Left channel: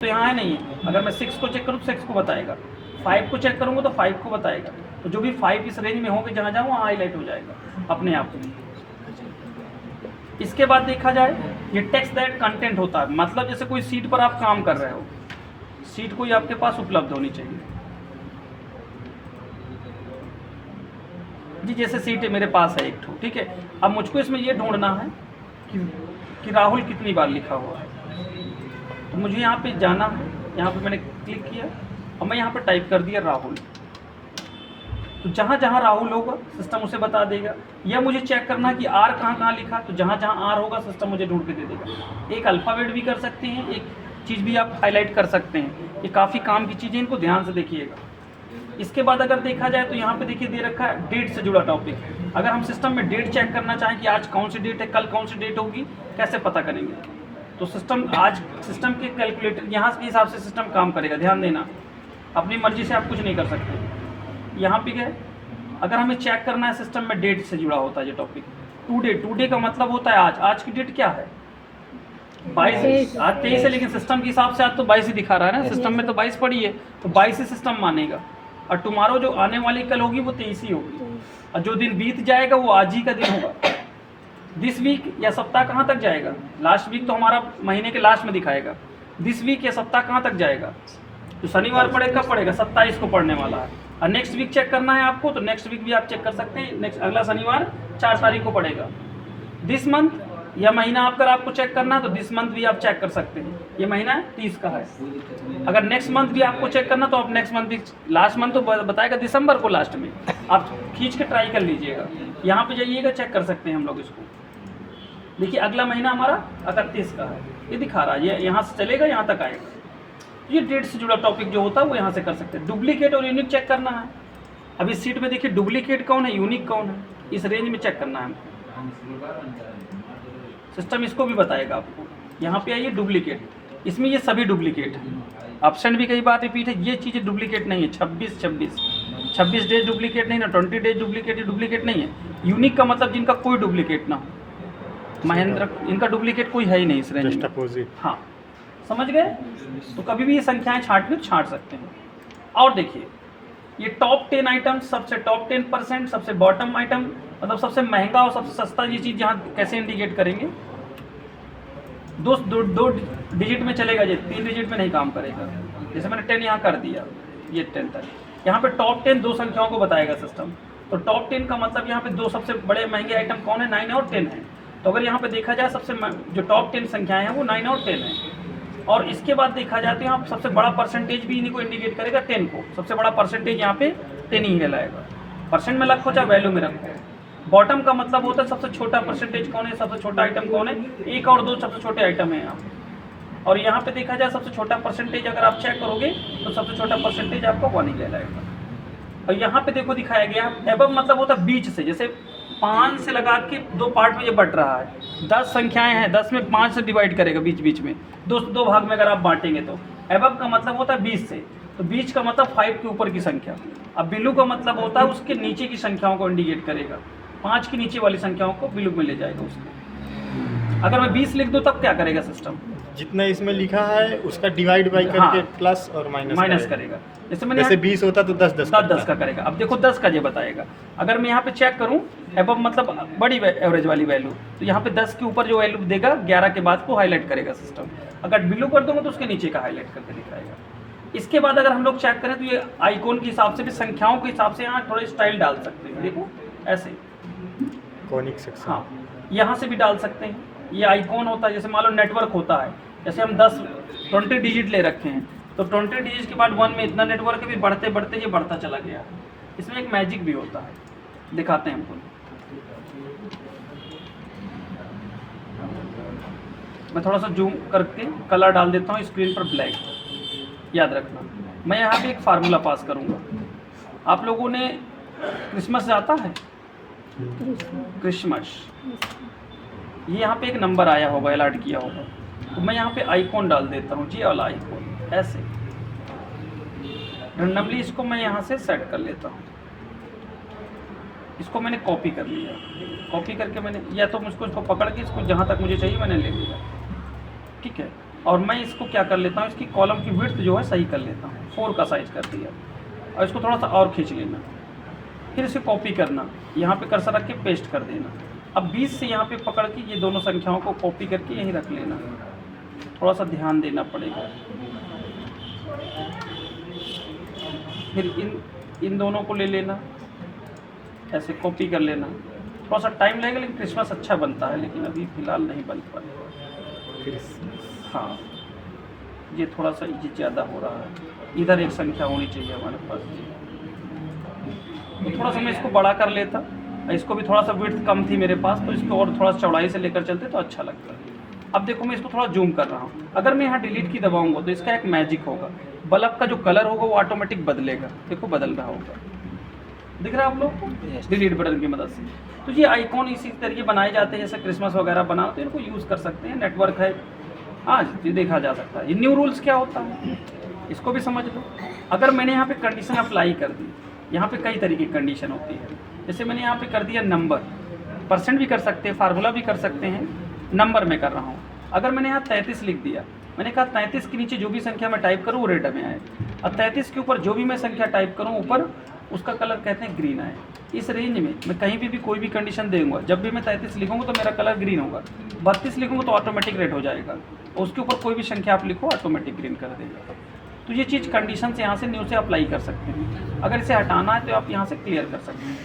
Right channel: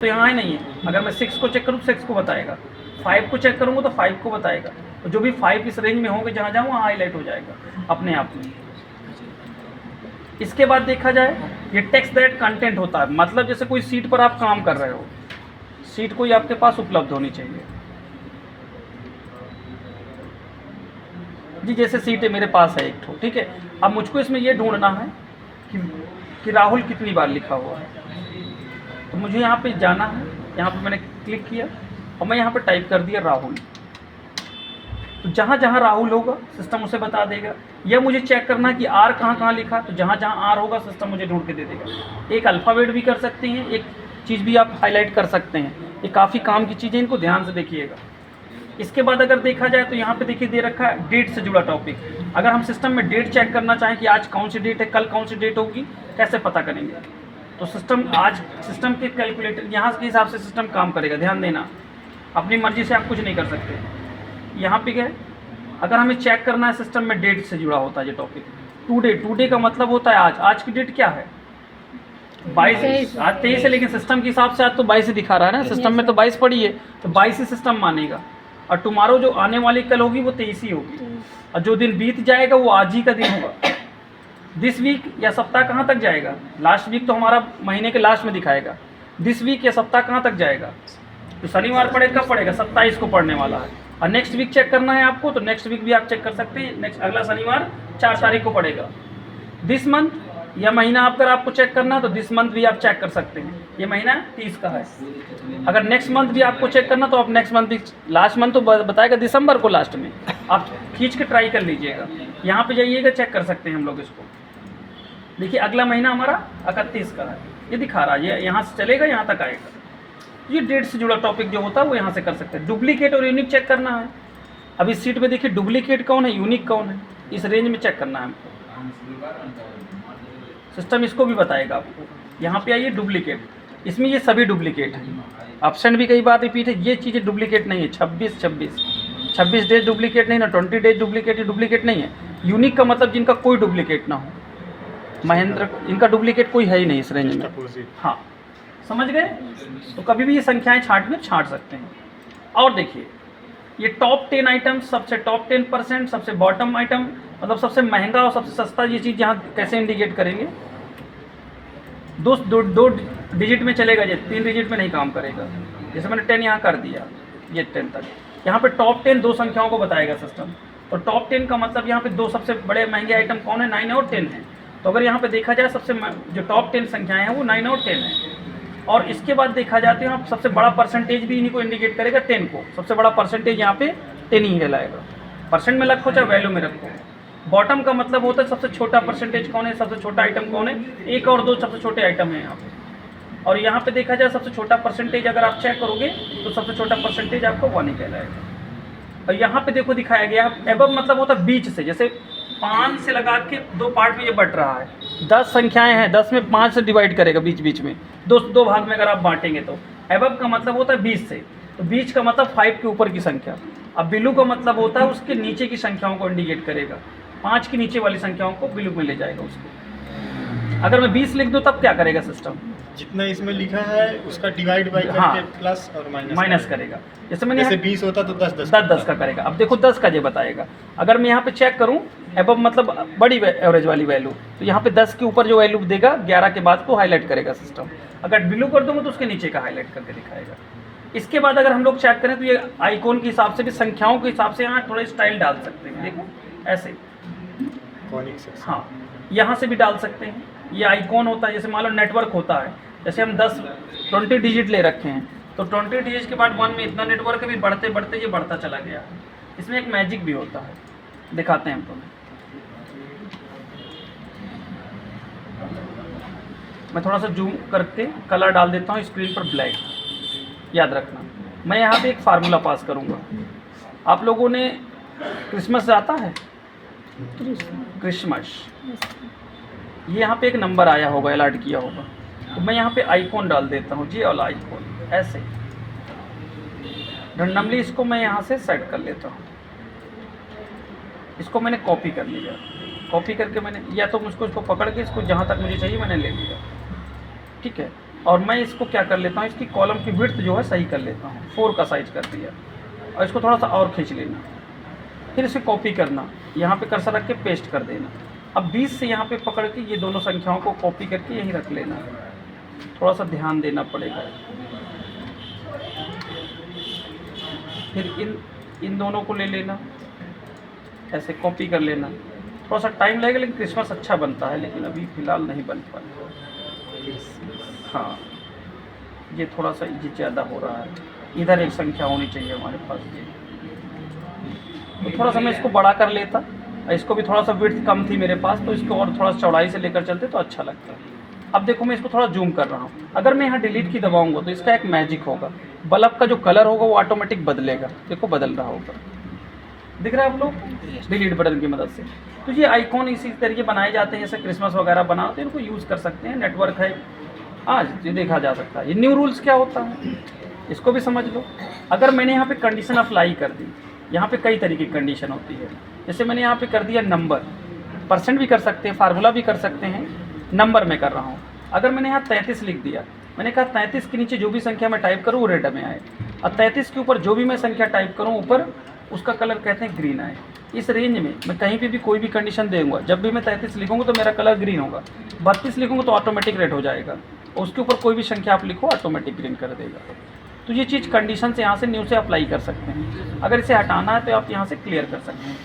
तो यहाँ है नहीं है। अगर मैं 6 को चेक करूँ तो 6 को बताएगा, 5 को चेक करूँगा तो 5 को बताएगा। तो जो भी 5 इस रेंज में होंगे जहाँ जहाँ वहाँ हाईलाइट हो जाएगा अपने आप में। इसके बाद देखा जाए ये टेक्स्ट दैट कंटेंट होता है, मतलब जैसे कोई सीट पर आप काम कर रहे हो, सीट कोई आपके पास उपलब्ध होनी चाहिए जी। जैसे सीट है मेरे पास है एक ठो, ठीक है। अब मुझको इसमें ये ढूंढना है कि राहुल कितनी बार लिखा हुआ है। तो मुझे यहाँ पे जाना है, यहाँ पे मैंने क्लिक किया और मैं यहाँ पे टाइप कर दिया राहुल। तो जहाँ जहाँ राहुल होगा सिस्टम उसे बता देगा। या मुझे चेक करना है कि आर कहाँ कहाँ लिखा, तो जहाँ जहाँ आर होगा सिस्टम मुझे ढूंढ के दे देगा। एक अल्फ़ाबेट भी कर सकते हैं, एक चीज़ भी आप हाईलाइट कर सकते हैं। ये काफ़ी काम की चीज़ें, इनको ध्यान से देखिएगा। इसके बाद अगर देखा जाए तो यहाँ पे देखिए दे रखा है डेट से जुड़ा टॉपिक। अगर हम सिस्टम में डेट चेक करना चाहें कि आज कौन सी डेट है, कल कौन सी डेट होगी, कैसे पता करेंगे? तो सिस्टम के कैलकुलेटर यहाँ के हिसाब से सिस्टम काम करेगा। ध्यान देना, अपनी मर्जी से आप कुछ नहीं कर सकते। यहाँ पे गए, अगर हमें चेक करना है सिस्टम में डेट से जुड़ा होता है ये टॉपिक। टुडे का मतलब होता है आज की डेट क्या है? 22। आज 23 है, लेकिन सिस्टम के हिसाब से आज तो 22 ही दिखा रहा है ना, सिस्टम में तो 22 पड़ी है, तो 22 ही सिस्टम मानेगा। और टुमारो जो आने वाली कल होगी वो 23 ही होगी, और जो दिन बीत जाएगा वो आज ही का दिन होगा। दिस वीक या सप्ताह कहाँ तक जाएगा? लास्ट वीक तो हमारा महीने के लास्ट में दिखाएगा। दिस वीक या सप्ताह कहाँ तक जाएगा? तो शनिवार पड़ेगा, कब पड़ेगा? 27 को पड़ने वाला है। और नेक्स्ट वीक चेक करना है आपको, तो नेक्स्ट वीक भी आप चेक कर सकते हैं। नेक्स्ट अगला शनिवार 4 तारीख को पड़ेगा। दिस मंथ या महीना अगर आपको चेक करना है तो दिस मंथ भी आप चेक कर सकते हैं, ये महीना 30 का है। अगर नेक्स्ट मंथ भी आपको चेक करना तो आप नेक्स्ट मंथ भी, लास्ट मंथ तो बताएगा दिसंबर को लास्ट में, आप खींच के ट्राई कर लीजिएगा। यहाँ पे जाइएगा, चेक कर सकते हैं हम लोग इसको। देखिए अगला महीना हमारा 31 का है, ये दिखा रहा है, ये यहाँ से चलेगा यहाँ तक आएगा। ये डेट से जुड़ा टॉपिक जो होता है वो यहाँ से कर सकते हैं। डुप्लीकेट और यूनिक चेक करना है। अब इस सीट पे देखिए डुप्लीकेट कौन है, यूनिक कौन है, इस रेंज में चेक करना है हमको। सिस्टम इसको भी बताएगा आपको। यहाँ पे आइए डुप्लीकेट, इसमें ये सभी डुप्लीकेट है। ऑप्शन भी कई बार रिपीट है, ये चीज़ें डुप्लीकेट नहीं है। 26 डेज डुप्लीकेट नहीं ना, 20 डेज डुप्लीकेट नहीं है। यूनिक का मतलब जिनका कोई डुप्लीकेट ना हो। महेंद्र, इनका डुप्लीकेट कोई है ही नहीं इस रेंज में। हाँ, समझ गए? तो कभी भी ये संख्याएं छांट सकते हैं। और देखिए ये टॉप 10 आइटम, सबसे टॉप 10%, सबसे बॉटम आइटम, मतलब सबसे महंगा और सबसे सस्ता, ये चीज़ यहाँ कैसे इंडिकेट करेंगे? दो डिजिट में चलेगा, ये 3 डिजिट में नहीं काम करेगा। जैसे मैंने 10 यहाँ कर दिया, ये 10 तक। यहाँ पे टॉप 10 दो संख्याओं को बताएगा सिस्टम। तो टॉप 10 का मतलब यहाँ पे दो सबसे बड़े महंगे आइटम कौन है? 9 और 10 है। तो अगर यहाँ पे देखा जाए सबसे जो टॉप 10 संख्याएं हैं वो 9 और 10 है। और इसके बाद देखा जाते हैं, सबसे बड़ा परसेंटेज भी इन्हीं को इंडिकेट करेगा, 10 को। सबसे बड़ा परसेंटेज यहाँ पे 10 ही कहलाएगा। परसेंट में रखो चाहे वैल्यू में रखो। बॉटम का मतलब होता है सबसे छोटा परसेंटेज कौन है, सबसे छोटा आइटम कौन है? 1 और 2 सबसे छोटे आइटम है यहाँ पे। और यहाँ पे देखा जाए सबसे छोटा परसेंटेज अगर आप चेक करोगे तो सबसे छोटा परसेंटेज आपको 1 ही कहलाएगा। और यहाँ पे देखो दिखाया गया एबव मतलब होता है बीच से, जैसे 5 से लगा के 2 पार्ट में ये बढ़ रहा है। 10 संख्याएं हैं, 10 में 5 से डिवाइड करेगा बीच में, दो भाग में अगर आप बांटेंगे तो। एबव का मतलब होता है 20 से, तो बीच का मतलब 5 के ऊपर की संख्या। अब बिलो का मतलब होता है उसके नीचे की संख्याओं को इंडिकेट करेगा, 5 के नीचे वाली संख्याओं को बिलो में ले जाएगा उसको। अगर मैं 20 लिख दूँ तब क्या करेगा सिस्टम? जितना इसमें लिखा है उसका डिवाइड बाई करके प्लस और माइनस करेगा। जैसे 20 होता तो 10 का करेगा। अब देखो 10 का ये बताएगा। अगर मैं यहाँ पे चेक करूँ एबव मतलब बड़ी एवरेज वाली वैल्यू, तो यहाँ पे 10 के ऊपर जो वैल्यू देगा 11 के बाद को हाईलाइट करेगा सिस्टम। अगर बिलो कर दूँगा तो उसके नीचे का हाईलाइट करके दिखाएगा। इसके बाद अगर हम लोग चेक करें तो ये आइकॉन के हिसाब से भी, संख्याओं के हिसाब से यहाँ थोड़े स्टाइल डाल सकते हैं। देखो ऐसे, हाँ, यहाँ से भी डाल सकते हैं। ये आइकॉन होता है, जैसे मान लो नेटवर्क होता है, जैसे हम 20 डिजिट ले रखे हैं, तो 20 डिजिट के बाद 1 में इतना नेटवर्क भी बढ़ते बढ़ते ये बढ़ता चला गया। इसमें एक मैजिक भी होता है, दिखाते हैं हमको। मैं थोड़ा सा जूम करके कलर डाल देता हूँ स्क्रीन पर, ब्लैक। याद रखना, मैं यहाँ पे एक फार्मूला पास करूँगा। आप लोगों ने क्रिसमस आता है? क्रिसमस, ये यहाँ पे एक नंबर आया होगा, अलर्ट किया होगा, तो मैं यहाँ पे आइकॉन डाल देता हूँ, ये वाला आइकॉन ऐसे रैंडमली। इसको मैं यहाँ से सेट कर लेता हूँ। इसको मैंने कॉपी कर लिया, कॉपी करके मैंने, या तो मुझको इसको पकड़ के इसको जहाँ तक मुझे चाहिए मैंने ले लिया, ठीक है। और मैं इसको क्या कर लेता हूँ, इसकी कॉलम की विड्थ जो है सही कर लेता हूँ, 4 का साइज कर दिया, और इसको थोड़ा सा और खींच लेना, फिर इसे कॉपी करना, यहाँ पे कर्सर रख के पेस्ट कर देना। अब 20 से यहाँ पे पकड़ के ये दोनों संख्याओं को कॉपी करके यहीं रख लेना, थोड़ा सा ध्यान देना पड़ेगा। फिर इन दोनों को ले लेना, ऐसे कॉपी कर लेना। थोड़ा सा टाइम लगेगा लेकिन क्रिसमस अच्छा बनता है, लेकिन अभी फ़िलहाल नहीं बन पा रहा। हाँ, ये थोड़ा सा ये ज़्यादा हो रहा है, इधर एक संख्या होनी चाहिए हमारे पास। तो थोड़ा सा मैं इसको बड़ा कर लेता, इसको भी थोड़ा सा विड्थ कम थी मेरे पास, तो इसको और थोड़ा चौड़ाई से लेकर चलते तो अच्छा लगता है। अब देखो मैं इसको थोड़ा जूम कर रहा हूँ, अगर मैं यहाँ डिलीट की दबाऊंगा तो इसका एक मैजिक होगा, बल्ब का जो कलर होगा वो ऑटोमेटिक बदलेगा। देखो बदल रहा होगा, दिख रहा है आप लोग, डिलीट बटन की मदद से। तो ये आइकॉन इसी तरीके बनाए जाते हैं, जैसे क्रिसमस वगैरह बनाते हैं, इनको यूज़ कर सकते हैं। नेटवर्क है आज ये देखा जा सकता है। ये न्यू रूल्स क्या होता है इसको भी समझ लो। अगर मैंने यहाँ पे कंडीशन अप्लाई कर दी, यहाँ पे कई तरीके की कंडीशन होती है, जैसे मैंने यहाँ पे कर दिया नंबर, परसेंट भी कर सकते हैं, फार्मूला भी कर सकते हैं, नंबर में कर रहा हूँ। अगर मैंने यहाँ 33 लिख दिया, मैंने कहा 33 के नीचे जो भी संख्या मैं टाइप करूँ वो रेड में आए, और 33 के ऊपर जो भी मैं संख्या टाइप करूँ ऊपर उसका कलर कहते हैं ग्रीन आए। इस रेंज में मैं कहीं पे भी कोई भी कंडीशन दूंगा, जब भी मैं 33 लिखूंगा तो मेरा कलर ग्रीन होगा, 32 लिखूंगा तो ऑटोमेटिक रेड हो जाएगा, और उसके ऊपर कोई भी संख्या आप लिखो ऑटोमेटिक ग्रीन कर देगा। तो ये चीज़ कंडीशन से यहाँ से न्यू से अप्लाई कर सकते हैं। अगर इसे हटाना है तो आप यहाँ से क्लियर कर सकते हैं।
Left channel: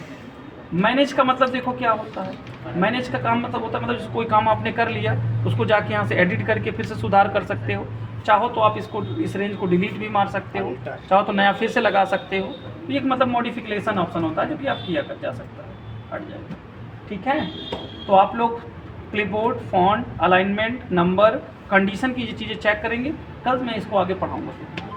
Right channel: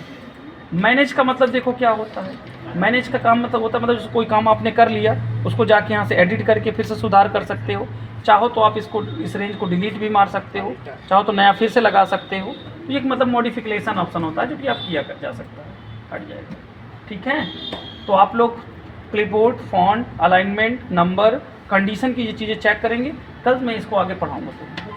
मैनेज का मतलब देखो क्या होता है, मैनेज का काम मतलब होता है, मतलब कोई काम आपने कर लिया उसको जाके यहाँ से एडिट करके फिर से सुधार कर सकते हो। चाहो तो आप इसको इस रेंज को डिलीट भी मार सकते हो, चाहो तो नया फिर से लगा सकते हो। तो ये एक मतलब मॉडिफिकेशन ऑप्शन होता है जो कि आप किया कर जा सकता है, हट जाएगा। ठीक है, तो आप लोग clipboard, font, alignment, number, condition की ये चीज़ें चेक करेंगे, तब मैं इसको आगे पढ़ाऊँगा।